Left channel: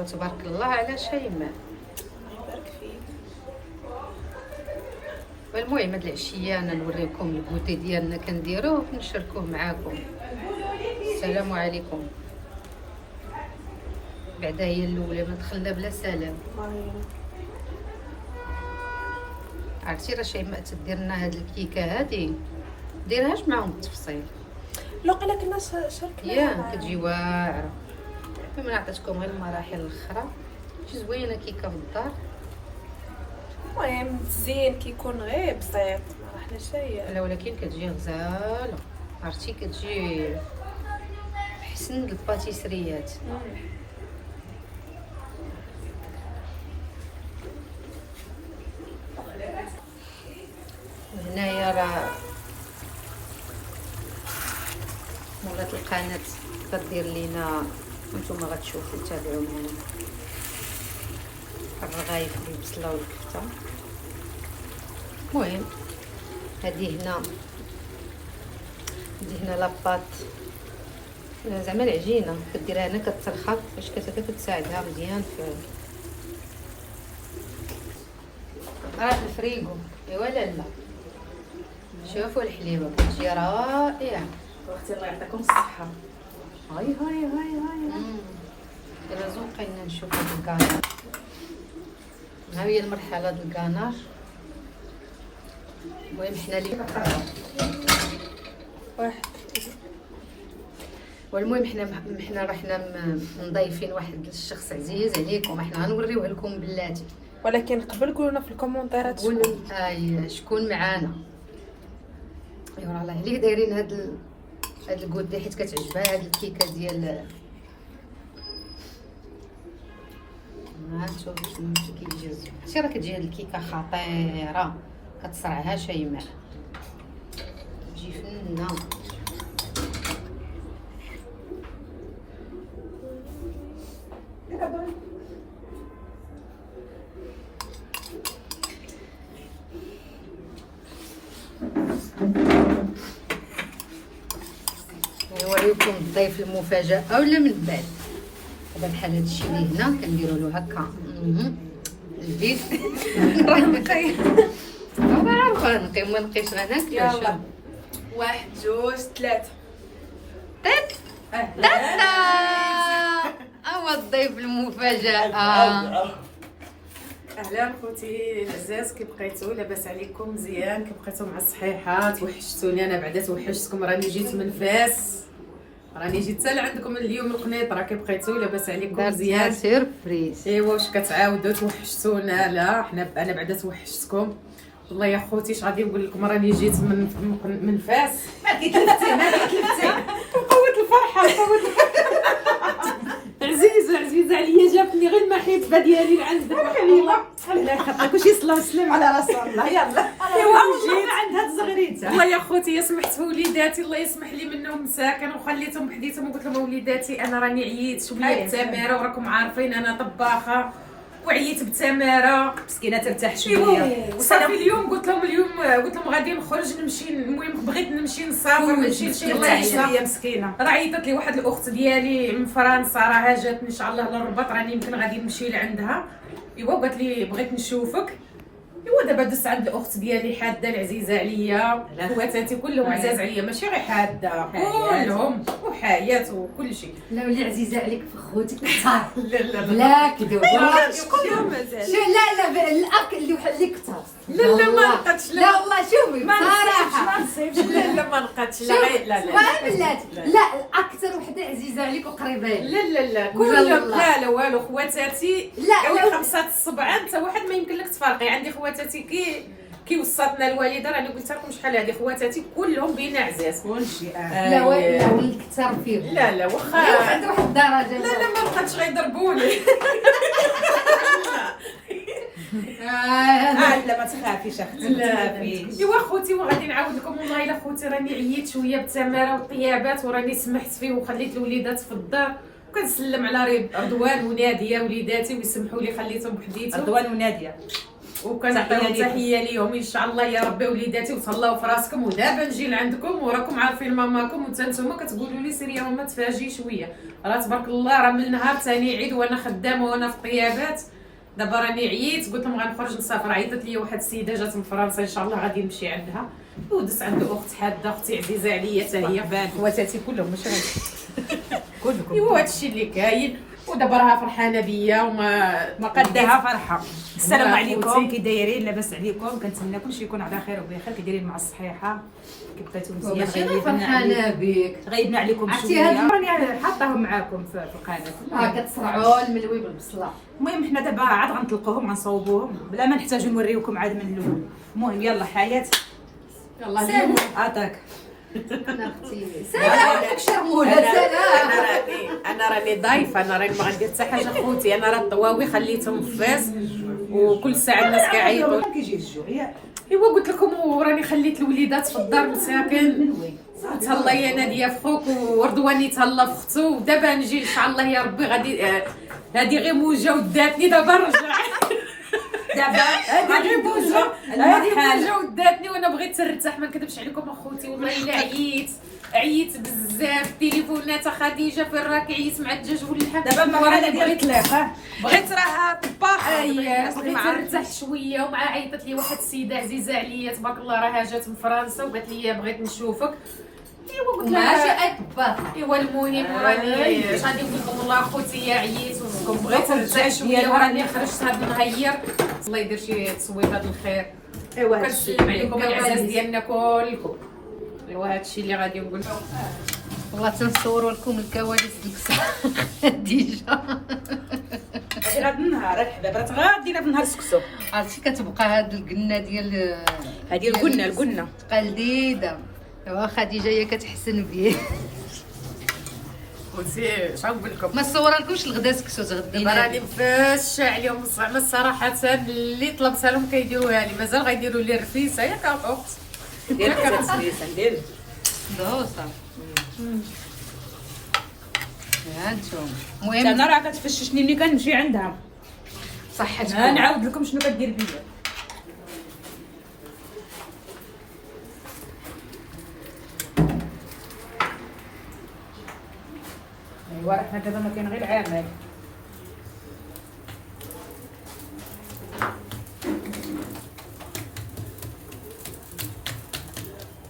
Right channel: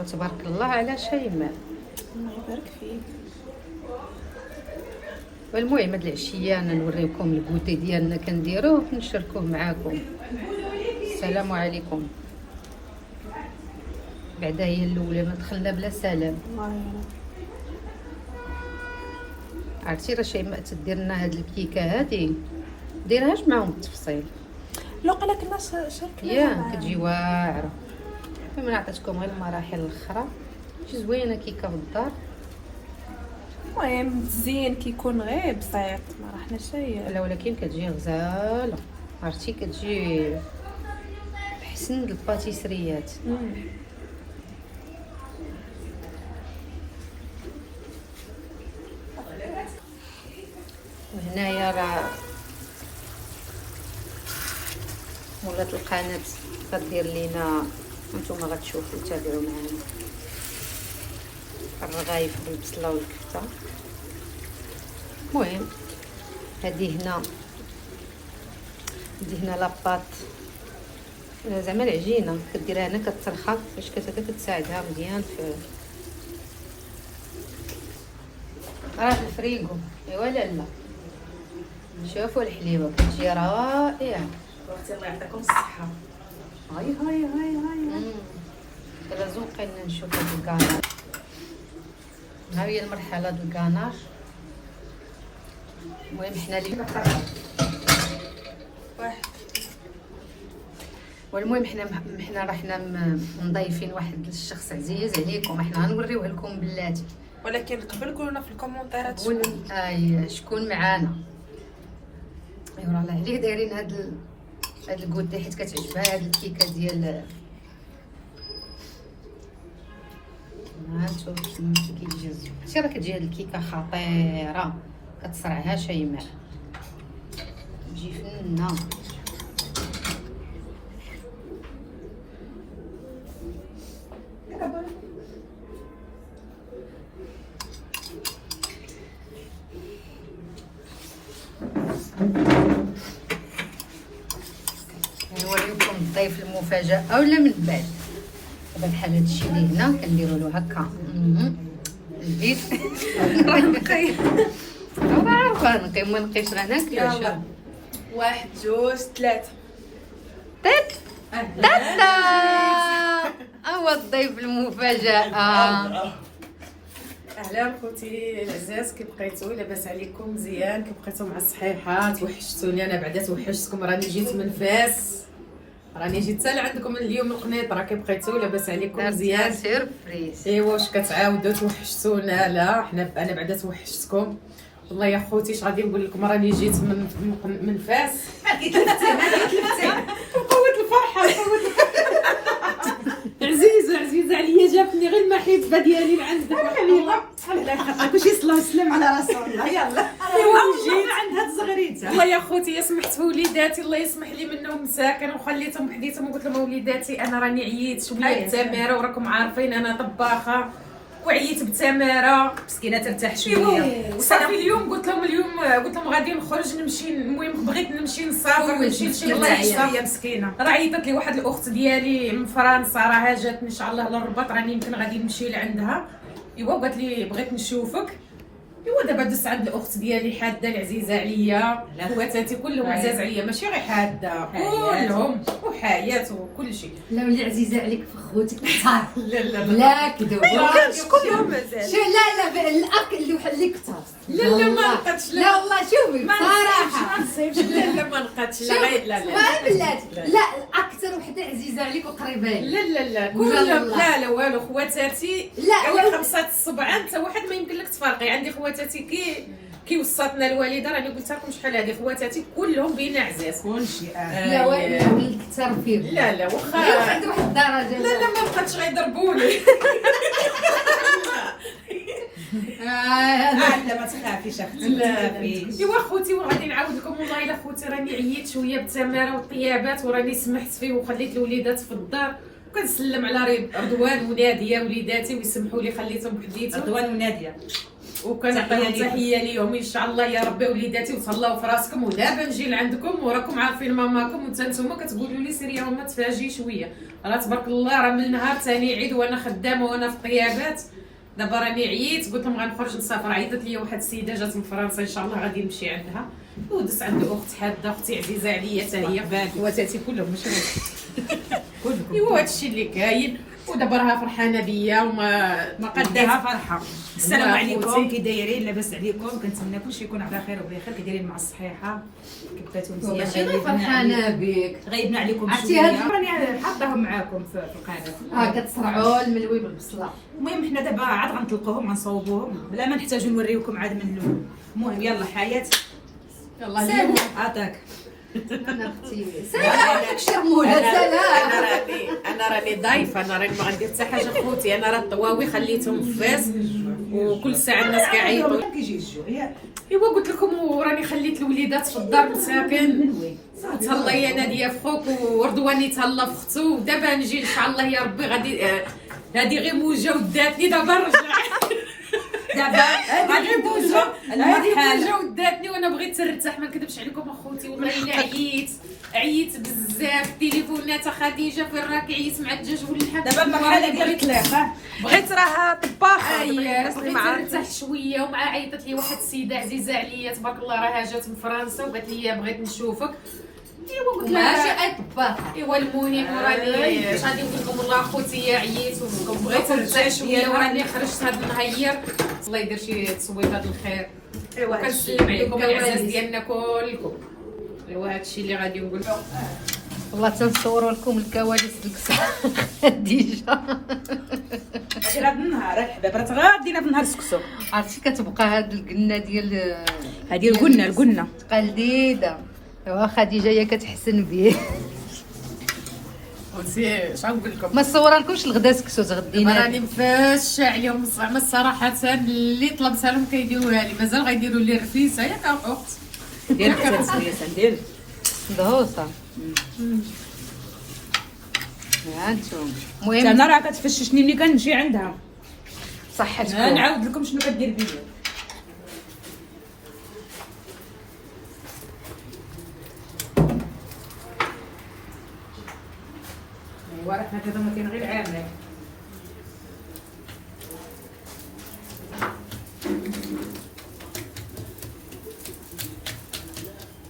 ايوا تبارك الله على شيماء. الله يبارك فيك. المهم هاد العشيه انا نوريكم الكوتي ديالنا كنديروه نشاركوه معاكم. السلام عليكم. بعدا هي الاولى ما دخلنا بلا سلام. عرفتي راه شيماء تدير لنا هاد الكيكه هادي ديرهاش معاهم بالتفصيل لو قالك لا شاركنا يا كتجي واعره. المهم عطيتكم غير المراحل الاخرى. شي زوينه كيكه في الدار. المهم الزين كيكون غير بسيط ما رحنا شي. لا ولكن كتجي غزاله. عرفتي كتجي احسن الباتيسريات. وهنايا راه مولات القناه غدير لينا، نتوما غتشوفوا تابعوا معنا الرغايف بالبصله والكفته. المهم هذه هنا لاباط زعما العجينه كديرها هنا كترخى باش كتساعدها مزيان في في الفريغو. ايوا لا شوفوا الحليوه كتجي رائعه. اختي الله يعطيكم الصحه. هاي الا زوقينا نشوف هاد الكانار. ها هي المرحله ديال الكانار. المهم حنا اللي واحد. والمهم حنا رحنا مضيفين واحد الشخص عزيز عليكم. حنا غنوريوه لكم بلاتي، ولكن قبل قولوا في الكومونتيرات قولوا شكون معانا. ايوا راه عليه دايرين هاد الكودي حيت كتعجبها هاد الكيكه ديال نشوف كيجي زوين. راه كتجي هاد الكيكه خطيره كتصرعها شيماء تجي فنه. نوريكم الضيف المفاجاه ولا من بعد. دابا بحال هادشي اللي هنا كنديروا له هكا البيت. انا عارفه نقي ما نقيش غناكلو. واحد جوج ثلاثة. طيب تاتا هو الضيف المفاجاه. اهلا خوتي العزاز، كي بقيتو؟ لاباس عليكم؟ مزيان؟ كي بقيتو مع الصحيحه؟ توحشتوني انا بعدا توحشتكم. راني جيت من فاس، راني جيت حتى لعندكم اليوم القنيط. كي بقيتو؟ لاباس عليكم؟ مزيان؟ سيربريز. ايوا واش كتعاودوا توحشتونا؟ لا انا بعدا توحشتكم والله يا خوتي. اش غادي نقول لكم؟ راني جيت من فاس. قوة الفرحه عزيزه عليا. جاتني غير المحبه ديالي لعندك حبيبه. الله يخليك وشي صلاه وسلام على رسول الله. يلا ايوا جيت عند هاد الزغريته. والله يا خوتي سمحت وليداتي الله يسمح لي منهم مساكن وخليتهم بحديتهم وقلت لهم وليداتي انا راني عييت شويه بالتماره، وراكم عارفين انا طباخه وعييت بالتماره. مسكينه ترتاح شويه. وصافي اليوم قلت لهم غادي نخرج نمشي. المهم بغيت نمشي نسافر نمشي لشي بلايصه. هي مسكينه راه عيطت لي واحد الاخت ديالي من فرنسا راه جاتني ان شاء الله للرباط، راني يمكن غادي نمشي لعندها. ايوا قالت لي بغيت نشوفك. ايوا دابا دزت عند الاخت ديالي حاده العزيزه عليا. خواتاتي كلهم عزاز عليا ماشي غير حاده كلهم وحياه وكل شيء. لا ولي عزيزه عليك في خوتك كثار. لا كذوب. شكون مازال؟ لا الاكل اللي وحل لك كثار. لا ما لقيتش. لا والله شوفي صراحه ما نسيبش. لا ما لقيتش. لا بلاتي لا اكثر وحده عزيزه عليك وقريبه لك. لا كلهم. لا والو خواتاتي. لا قال 5 الصبع انت واحد ما يمكن لك تفارقي. عندي خواتاتي كي وصاتنا الوالده راني قلت لكم شحال هذه خواتاتي كلهم بينا عزاز كلشي. لا وليد كثر فيهم. لا واخا واحد الدرجه. لا ما بقاتش غيضربوني. لا ما تخافيش اختي. لا ايوا خوتي وغادي نعاود لكم والله الا خوتي راني عييت شويه بالتماره والطيابات وراني سمحت فيه وخليت الوليدات في الدار وكنسلم على رضوان وناديه وليداتي ويسمحوا لي خليتهم بحديتهم. رضوان وناديه وكنعطيهم تحيه ليهم ان شاء الله يا ربي. وليداتي وتهلاو في راسكم، ودابا نجي لعندكم وراكم عارفين ماماكم، وانت نتوما كتقولوا لي سير يا ماما تفاجئي شويه. راه تبارك الله راه من النهار ثاني عيد وانا خدامه وانا في الطيابات. دابا راني عييت قلت لهم غنخرج نسافر. عيطت لي واحد السيده جات من فرنسا ان شاء الله غادي نمشي عندها. ودزت عند اخت حاده اختي عزيزه عليا حتى هي، خواتاتي كلهم ماشي غير كلكم. ايوا هادشي اللي كاين. ودابا راها فرحانه بيا وما قدها فرحه. السلام الله عليكم، خوتي. كي دايرين؟ لاباس عليكم؟ كنتمنى كلشي يكون على خير وبخير. كي دايرين مع الصحيحه؟ كبداتو مزيان؟ ماشي غير فرحانه بك. غيبنا عليكم عرفتي شويه. هاد راني حاطاهم معاكم في القناه. كتصرعوا الملوي بالبصله. المهم حنا دابا عاد غنطلقوهم غنصوبوهم بلا ما نحتاجو نوريوكم عاد من الاول. المهم يلا حياه. يلا اليوم عطاك. انا اختي سلام شرموله سلام. انا راني ضايفه، انا راني ما غندير حتى حاجه خوتي. انا راه الطواوي خليتهم في فاس وكل ساعه الناس كيعيطوا. كيجي الجوع ايوا قلت لكم وراني خليت الوليدات في الدار مساكن. من وين؟ تهلا يا ناديه في خوك وردواني تهلا في اختو. ودابا نجي ان شاء الله يا ربي غادي هادي غير موجه وداتني دابا نرجع. دابا غادي ندوزو هادي المرحله. موجه وداتني وانا بغيت نرتاح. ما نكذبش عليكم اخوتي والله الا عييت بزاف. التليفونات خديجه فين راكي؟ عييت مع الدجاج واللحم. دابا المرحله ديال الطلاق. بغيت راه طباخه. بغيت نرتاح شويه. ومع عيطت لي واحد السيده عزيزه عليا تبارك الله راها جات من فرنسا وقالت لي بغيت نشوفك. ايوا قلت ماشي لها اي طباخه. ايوا المهم وراني اش غادي نقول لكم والله اخوتي عييت وبغيت نرتاح شويه وراني خرجت هاد النهير. الله يدير شي تصويت هاد الخير. ايوا كنسلم عليكم العزاز ديالنا كلكم. ايوا هادشي اللي غادي نقول لكم. والله تنصوروا لكم الكواليس ديك خديجه. هاد النهار الحباب راه غادينا في نهار السكسو. عرفتي كتبقى هاد القنه ديال هادي قلنا قلديده. ايوا خديجه هي كتحسن به. خوتي اش غنقول لكم؟ ما صورا لكمش الغدا سكسو تغدينا. راني مفاشة عليهم زعما الصراحه اللي طلبتها لهم كيديروها لي. مازال غيديروا لي الرفيسه ياك اخت ديال التسويس ندير. ضغوطه. ها انتم المهم انا راه كتفششني ملي كنجي عندها. صحتكم. نعاود لكم شنو كدير بيا. ايوا راه حنا كذا ما كاين غير عامل.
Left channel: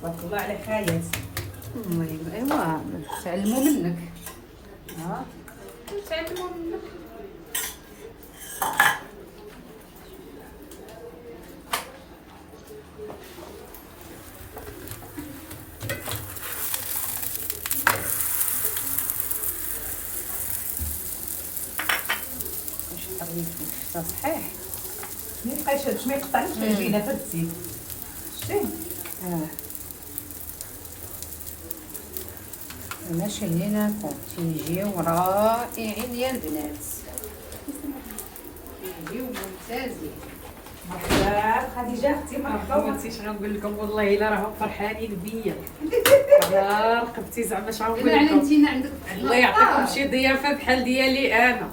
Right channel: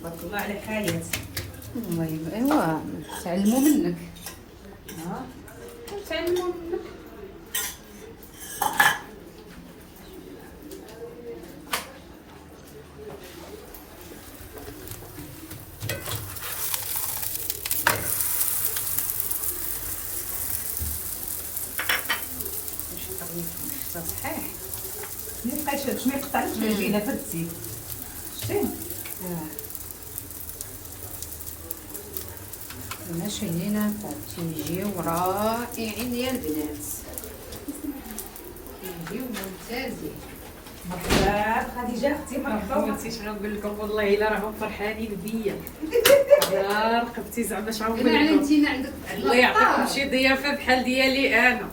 تبارك الله على حياة. المهم ايوا تعلموا منك. ها صحيح. ما يبقاش ما يقطعلكش العجينه فردتي. شتي ماشي هنا تيجيو رائعين يا البنات. تيجيو ممتازين. مرحبا خديجه اختي مرحبا. عرفتي شنو نقول لكم؟ والله الا راهم فرحانين بيا. يا رقبتي زعما اش غنقول انا لكم؟ علمتينا عندك. الله يعطيكم شي ضيافه بحال ديالي انا.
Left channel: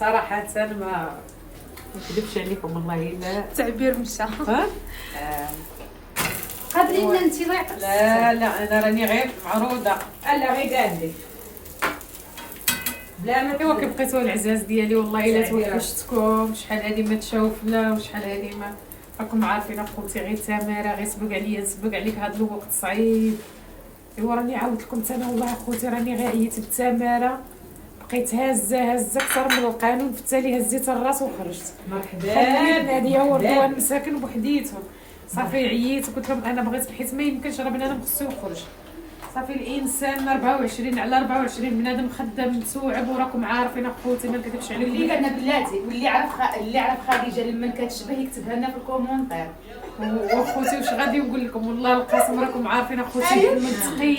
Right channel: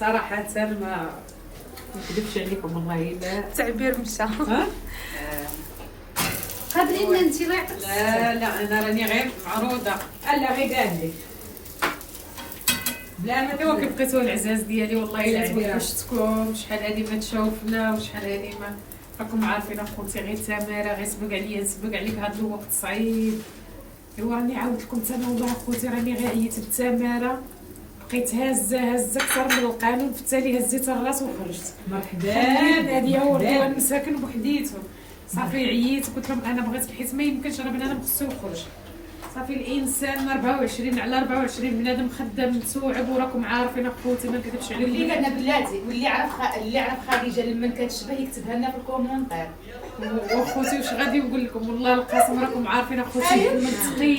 صراحه ما نكذبش عليكم والله الا تعبير مشى. ها. قابلين انت الله يعطيك. لا انا راني غير معروضه. لا غير قال لي بلا ما ايوا كي بقيتوا العزاز ديالي والله الا توحشتكم. شحال هادي ما تشوفنا وشحال هادي ما راكم عارفين اخوتي. غير تماره غير سبق عليا نسبق عليك هذا الوقت صعيب. ايوا راني عاودت لكم انا والله اخوتي راني غير عييت بالتماره. بقيت هازه اكثر من القانون. في التالي هزيت الراس وخرجت. مرحبا هادي ورا مساكن بوحديتهم. صافي عييت وقلت لهم انا بغيت حيت ما يمكنش راه بنادم خصو يخرج. صافي الانسان 24 على 24 بنادم خدام متوعب وراكم عارفين اخوتي ما نكذبش عليكم. اللي لنا بلاتي واللي عرف خديجه لما كتشبه يكتبها لنا في الكومونتير. واخوتي واش غادي نقول لكم؟ والله القسم راكم عارفين اخوتي منطقي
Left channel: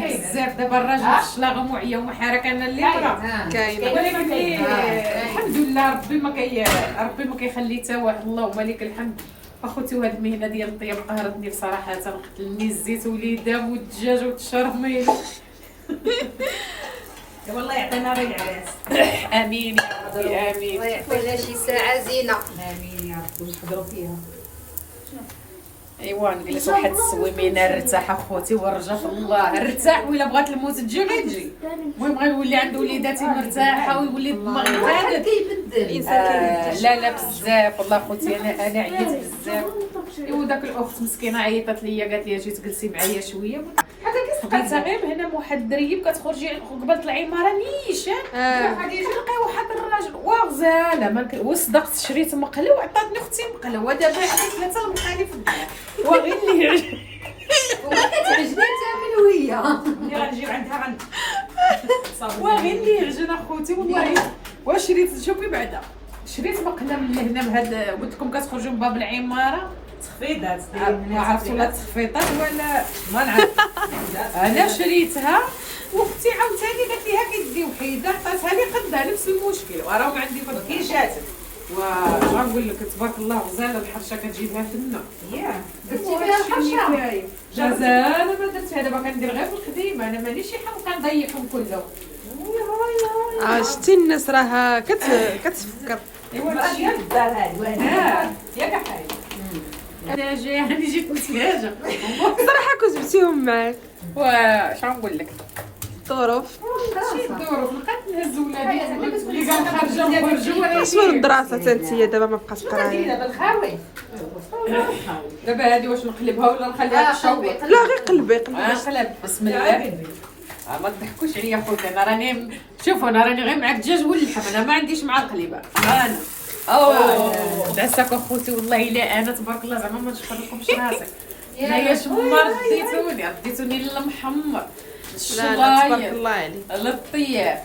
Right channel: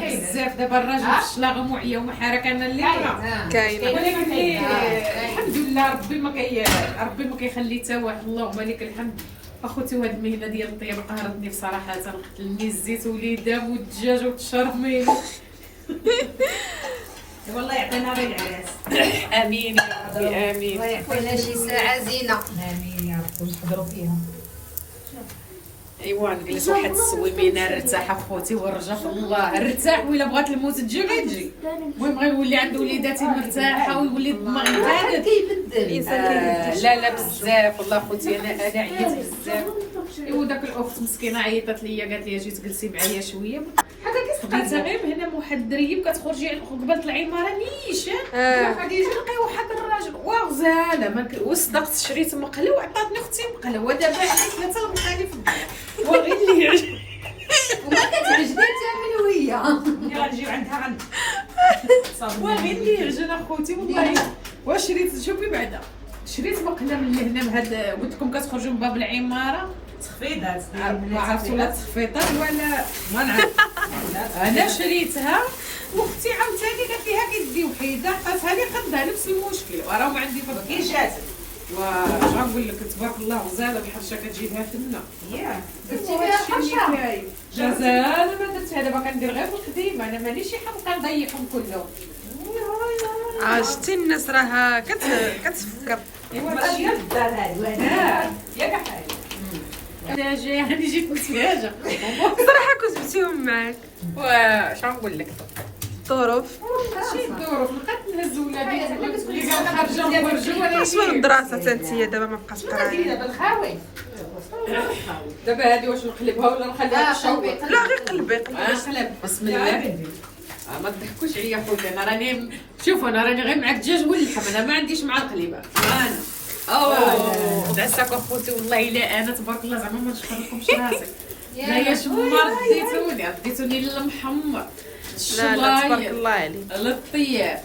بزاف. دابا الراجل في الشلاغم وعيا ومحارك انا اللي راه كاينه. ولكن الحمد لله ربي ما كيخلي حتى واحد. اللهم لك الحمد اخوتي. وهاد المهنه ديال الطياب قهرتني بصراحه. قتلني الزيت وليدام والدجاج والشرب ميلي. والله يعطينا غير العراس. امين يا ربي امين. الله يعطينا شي ساعه زينه. امين يا ربي ونقدروا فيها. ايوا نجلس واحد السويمينه نرتاح اخوتي ونرجع في الله نرتاح. وإلا بغات الموت تجي غير تجي. المهم غيولي عنده وليداتي مرتاحه ويولي الدماغ الواحد كيبدل. لا لا بزاف والله خوتي انا عييت بزاف. ايوا داك الاخت مسكينه عيطت ليا قالت لي اجي تجلسي معايا شويه. بقيت غير هنا واحد الدريب كتخرجي قبل العماره نيشان غادي يجي لقى واحد الراجل وغزاله وصدقت شريت مقله وعطاتني اختي مقله ودابا عطيت 3 المقالي في الدار وغير اللي يعجبني وما كتعجبني حتى ملويه. ملي غنجيب عندها غن وغير اللي يعجبني اخوتي والله. وشريت شوفي بعدا شريت مقله من هنا من هاد قلت لكم كتخرجوا من باب العماره تخفيضات. ما عرفت ولا تخفيطات ولا ما نعرف. انا شريتها واختي عاوتاني قالت لي هاكي دي وحيده عطاتها لي قدها نفس المشكل وراه عندي فضل كي جاتك واش غنقول لك تبارك الله غزاله الحرشه كتجيبها تما. ياه درتي فيها الحرشه. غزاله ما درتها دابا كندير غير في الخديمه انا مانيش شي حمقى نضيعهم كلهم. شتي الناس راه كتفكر. ايوا الاشياء في الدار هذه ياك حاجه انا جايه انا جيت متفاجئه صراحه كنت جبتيهم معاك. واش غنقول لك الظروف شي الظروف بقيت نهز ولادي اللي قال خارجه ونخرجوا وانا شنو الدراسه تنتيا دابا ما بقاش قرايه. دابا الخاوي. دابا هذه واش نقلبها ولا نخليها تشوق؟ لا غير قلبي نقلب بسم الله. ما تضحكوش عليا خويا انا راني شوفوا انا راني غير مع الدجاج واللحم انا ما عنديش مع القليبه انا. تعساك اخوتي والله الا انا تبارك الله زعما ما نشكركمش راسك. لا يا شمار رديتوني للمحمر لا لا تبارك الله عليك. للطياب.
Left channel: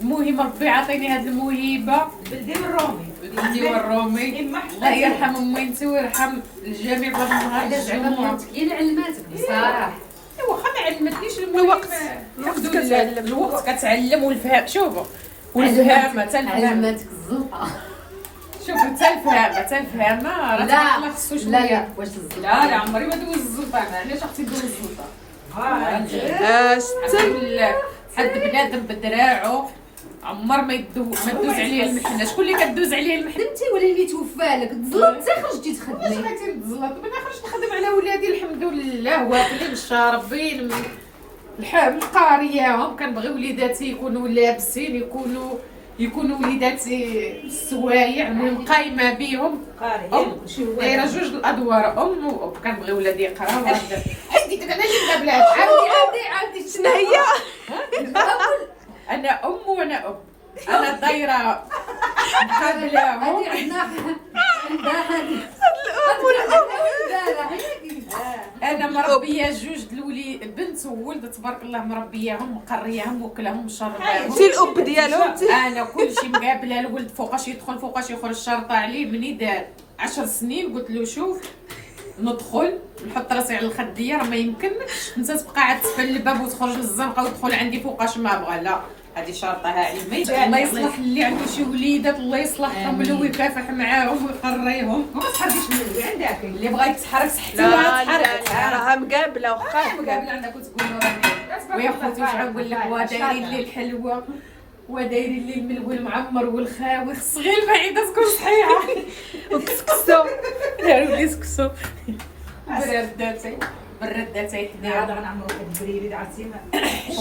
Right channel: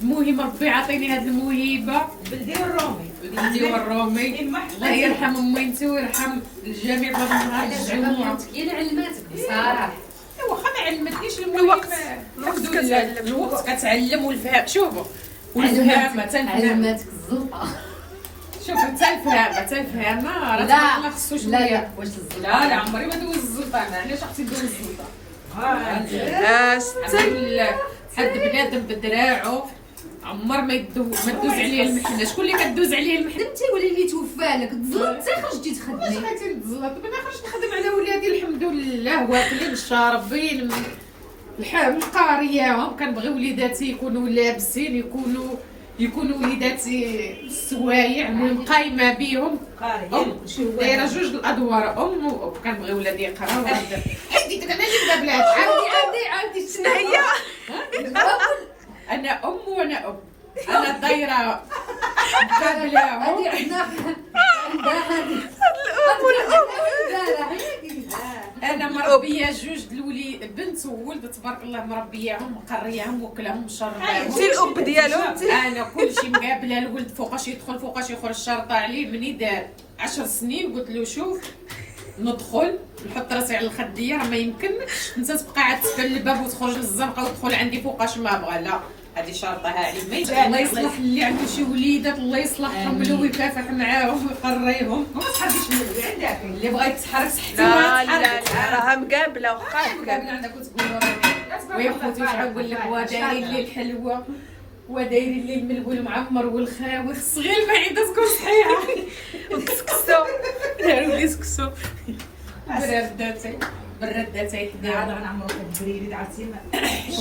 المهم ربي عطيني هذه الموهبه. بلدي والرومي بلدي والرومي الله يرحم امينتي ويرحم الجميع بغيت هذا زعما نهار كاين علماتك بصراحه. واخا ما علمتنيش الوقت كتعلم. الوقت كتعلم والفهم شوفوا والفهامه تنفهم. علماتك الزنقه. شوف حتى الفهامه راه لا الله خصو لا شويه. لا واش لا عمري ما دوز الزلطه انا علاش اختي دوز الزلطه. حد بنادم بدراعو عمر ما تدوز عليه المحنه. شكون اللي كدوز عليه المحنه؟ انت ولا اللي توفى لك تزلطتي خرجتي واش تخدمي. بغيتي نتزلط؟ انا خرجت نخدم على ولادي الحمد لله واكلين شاربين القاريه. كنبغي وليداتي يكونوا لابسين يكونوا وليداتي السوايع المهم قايمه بهم. دايره جوج الادوار ام واب. كنبغي ولادي يقراو. حيدي انا اللي بلاد. عاودي شنو هي؟ انا ام وانا اب. انا دايره مقابلاهم. هذه عندها انا مربيه جوج الوليد بنت وولد تبارك الله مربياهم مقرياهم وكلهم مشرباهم. انت الاب ديالهم. انا كلشي مقابله. الولد فوقاش يدخل فوقاش يخرج شرطه عليه. مني دار 10 سنين قلت له شوف ندخل نحط راسي على الخديه راه ما يمكنكش انت تبقى عاد تفل الباب وتخرج للزنقه وتدخل عندي فوقاش ما بغى. لا هذه شرطه عليه. الله يصلح اللي عنده شي وليدات الله يصلحهم ولو يكافح معاهم ويقريهم. ما تحركيش من الولاد عندك اللي بغا يتحرك حتى لا لا لا راه مقابله وخا مقابله عندك وتقولوا ويا خوتي واش غنقول لك. ودايرين لي الحلوه ودايرين لي الملول معمر والخاوي. خص غير المعده تكون صحيحه وكسكسو داروا لي سكسو برداتي هذا حدايا. غنعمرو البريري عرفتي.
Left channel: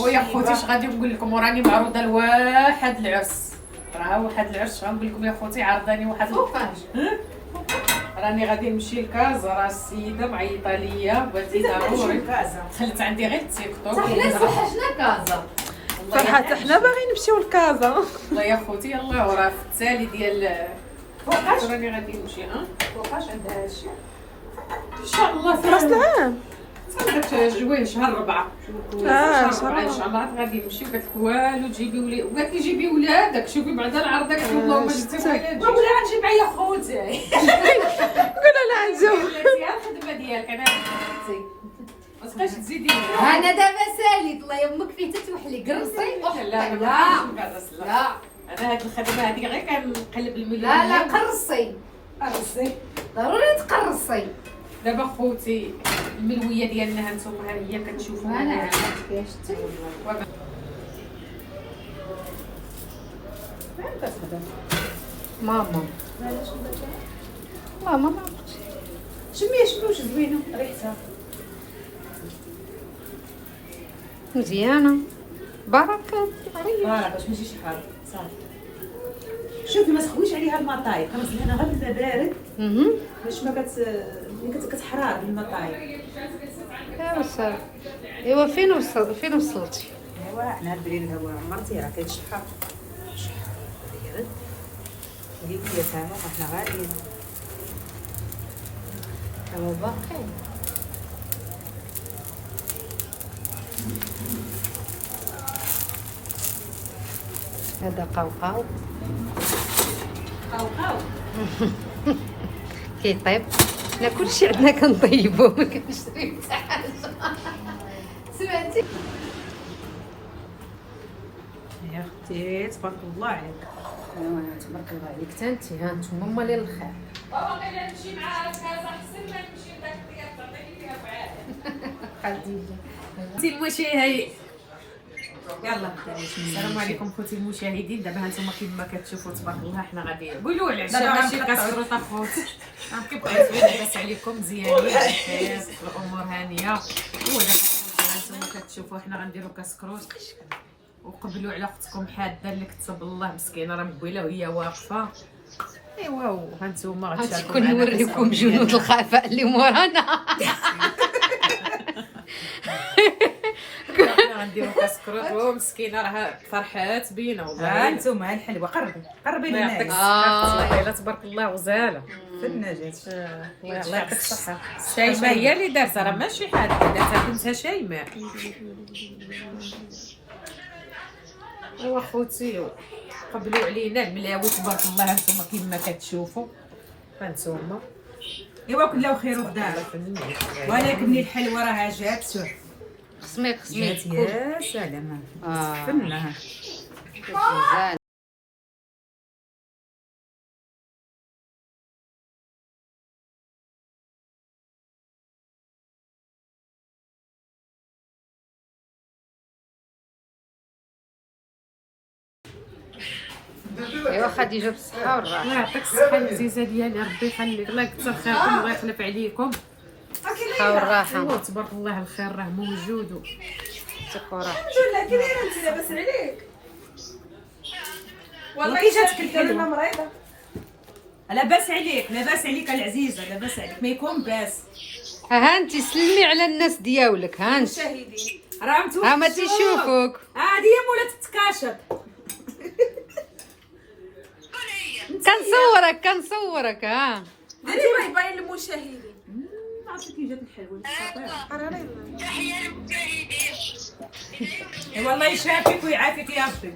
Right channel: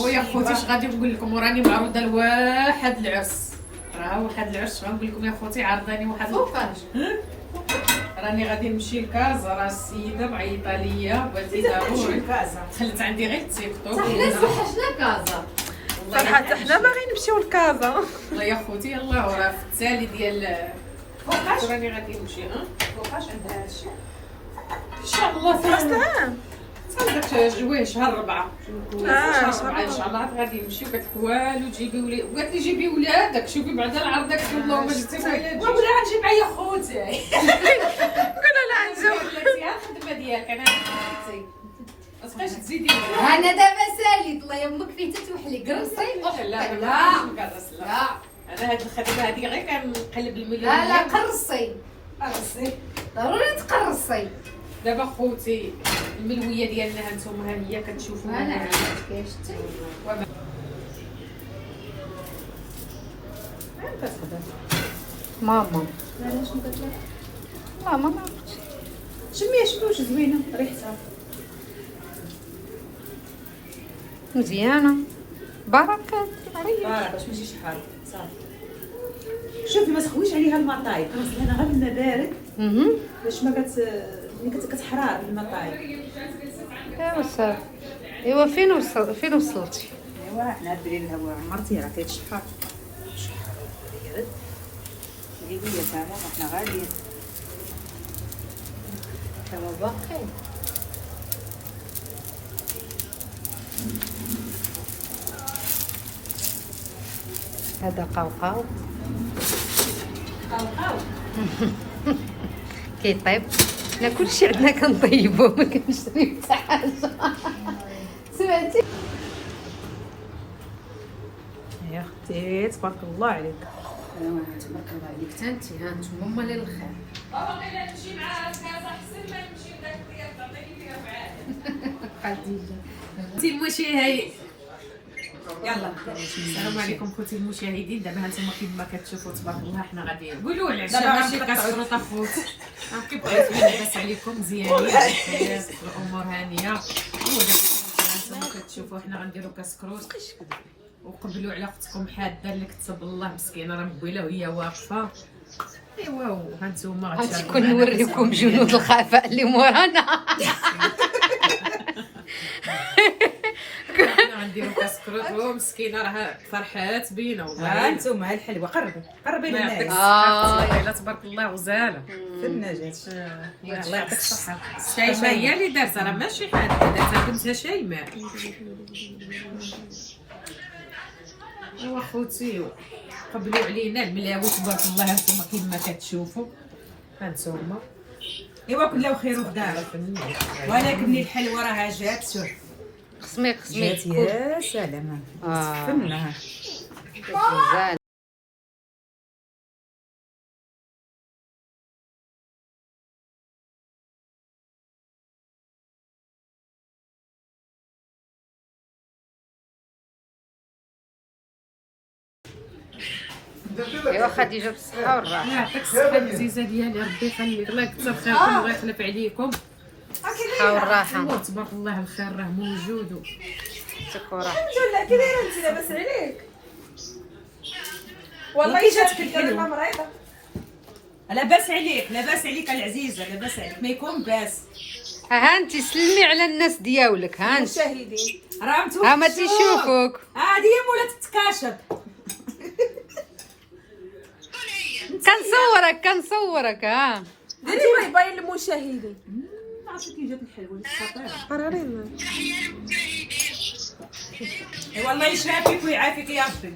ويا خوتي اش غادي نقول لكم وراني معروضه لواحد العرس. راه واحد العرس غنقول لكم يا خوتي عرضاني واحد فوقاش راني غادي نمشي لكازا. راه السيده معيطه ليا بغاتي ضروري. خلت عندي غير التيك توك. حنا وحشنا كازا. صراحه حنا باغيين نمشيو لكازا. والله يا خوتي يلاه وراه في التالي ديال فوقاش راني غادي نمشي. فوقاش عندها هادشي ان شاء الله راس العام صافي جويه شهر 4. شهر شهر ان شاء الله غادي نمشي. قالت لك والو تجيبي ولاد. وقالت لي جيبي ولادك شوفي بعدا العرض داك اللهم جبتي ولادك. ولا غنجيب معايا خوتي. قولوا لا نجو. الخدمه ديالك انا خوتي ما تبقاش تزيدي. انا دابا ساليت الله يمك فين تتوحلي قرصي. لا لا انا هاد الخدمه هادي غير كنقلب المليون. لا قرصي ضروري تقرصي. دابا خوتي الملويه ديالنا هانتوما ها هي كتشوفوها. انا عارفه كيفاش ماما ماما ما عرفتش. شمي واش زوينه ريحتها. مزيانه بركات عليا. باش ماشي شحال صافي. شوفي ما تخويش عليها المطايب، خلينا غير الماء بارد باش ما كتحرار المطايب. يا صافي. ايوا فين وصلتي؟ ايوا حنا بريد هو مرتي راه كيتشحر. هذيك هي تاعنا حنا غاليين. توا باقي. هذا قوقاو كيطيب. حنا كلشي عندنا كنطيبو ما كنشريو حتى حاجه. سمعتي يا اختي تبارك الله عليك. ايوا تبارك الله عليك حتى انت. ها نتوما هما اللي الخير. خوتي المشاهدين يلا السلام عليكم خوتي المشاهدين. دابا هانتوما كيما كتشوفوا تبارك الله حنا غادي قولوا على العشاء ماشي كتفطروا تا خوت. كيبقاو زوين لاباس عليكم مزيانين بخير الامور هانيه. هانتوما كتشوفوا حنا غنديروا كاس كروت وقبلوا على اختكم حاده اللي كتب الله مسكينه راه مبويله وهي واقفه. ايوا هانتوما غادي كون نوريكم جنود الخفاء اللي مورانا. غنديروا كاس كروت ومسكينه راه فرحات بينا ها انتما الحلوه قربي للناس. لا تبارك الله غزاله في النجاة. الله يعطيك الصحه. شيماء هي اللي دارتها راه ماشي حد دارتها بنتها شيماء. واخوتي قبلوا علينا الملاوي تبارك الله. هانتوما كيما كتشوفوا هانتوما ايوا كله خير ودار. ولكن الحلوه راها جات. شوف خصني جات يا سلام. فنها غزال. ايوا خديجه بالصحه والراحه. الله يعطيك الصحه العزيزه ديالي ربي يخليك. الله يكثر خيركم الله يخلف عليكم. الصحه والراحه. ايوا تبارك الله الخير راه موجود. يعطيك وراحتك. لا كي دايره انت لاباس عليك؟ والله كي جاتك الحلوه مريضه. لاباس عليك لاباس عليك العزيزه لاباس عليك ما يكون باس. ها انت سلمي على الناس دياولك. ها انت راه متوقف. ها ما تيشوفوك. هذه هي مولات التكاشط. كنصورك ها. انت باين للمشاهدين. عرفتي كي جات الحلوه خطيره. والله يشافيك ويعافيك يا ربي.